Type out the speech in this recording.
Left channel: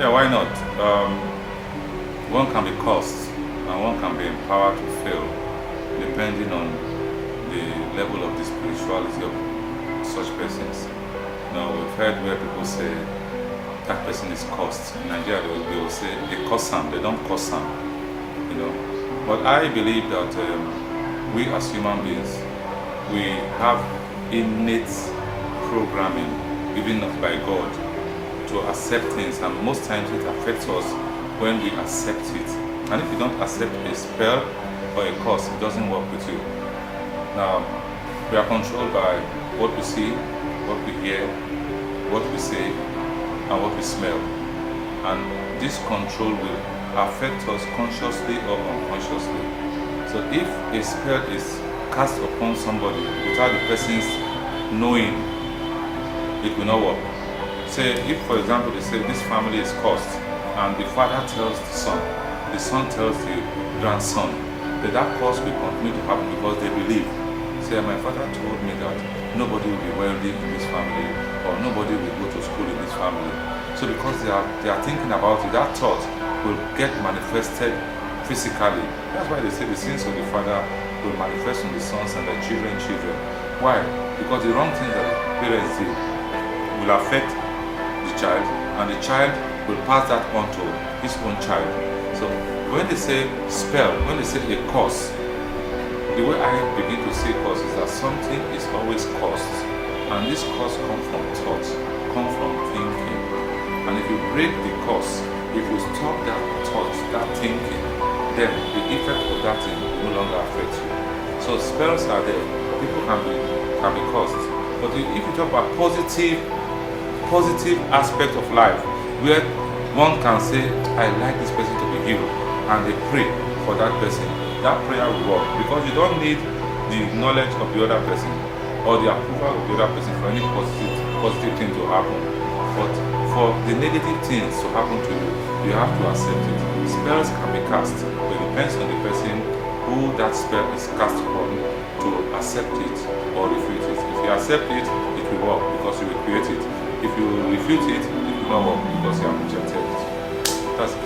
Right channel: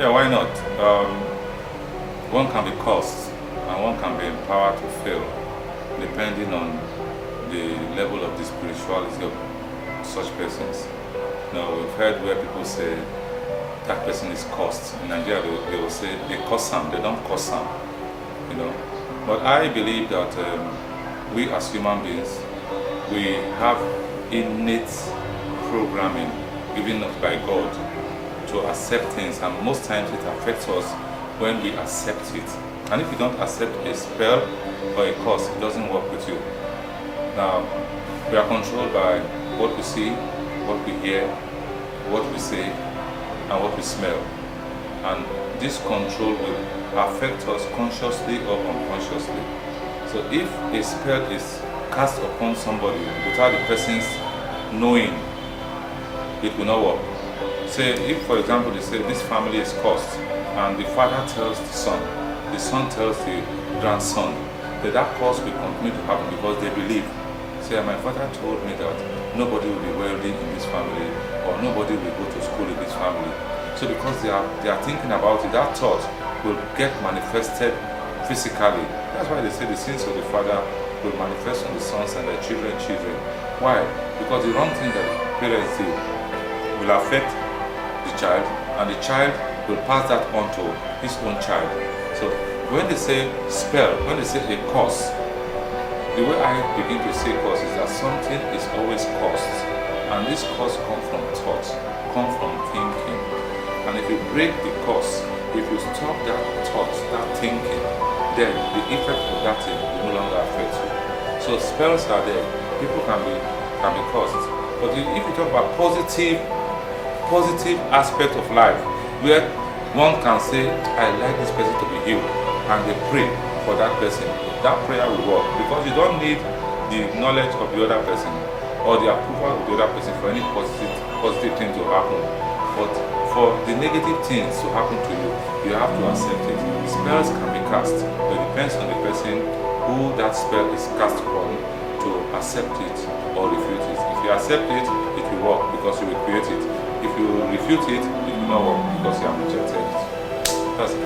Yeah, why not? One can be cursed and one can be empowered to fail, depending on the level of the spirituality of such persons. Now, we've heard where people say that person is cursed. In Nigeria, they will say they curse him, they don't curse him, you know. But I believe that we as human beings, we have innate programming given us by God to accept things, and most times it affects us when we accept it. And if you don't accept a spell or a curse, it doesn't work with you. Now, we are controlled by what we see, what we hear, what we say, and what we smell. And this control will affect us consciously or unconsciously. So if a spell is cast upon somebody without the person's knowing, it will not work. Say, if for example they say this family is cursed, and the father tells the son tells the grandson, that curse will continue to happen because they believe. Say, my father told me that nobody will be wealthy in this family, or nobody will go to school in this family. So because they are thinking about it, that thought will get manifested physically. That's why they say the sins of the father will manifest on the sons and their children. Why? Because the wrong things that the parents did will affect the child, and the child will pass that on to his own child. So when they say spell, when they say a curse, the way I begin to say curse is that something is always cursed, and this curse comes from thoughts, comes from thinking. And if you break the curse, if you stop that thought, that thinking, then the effect of that thing will no longer affect you. So spells are there. People can be cursed. But if you talk about positive aspect of life, where one can say, I like this person to be healed, and they pray for that person, that prayer will work, because you don't need the knowledge of the other person or the approval of the other person for any positive thing to happen. But for the negative things to happen to you, you have to accept it. Spells can be cast, but it depends on the person who that spell is cast upon to accept it or refute it. If you accept it, it will work because you will create it. If you refute it, it will not work because you have rejected it. That's it.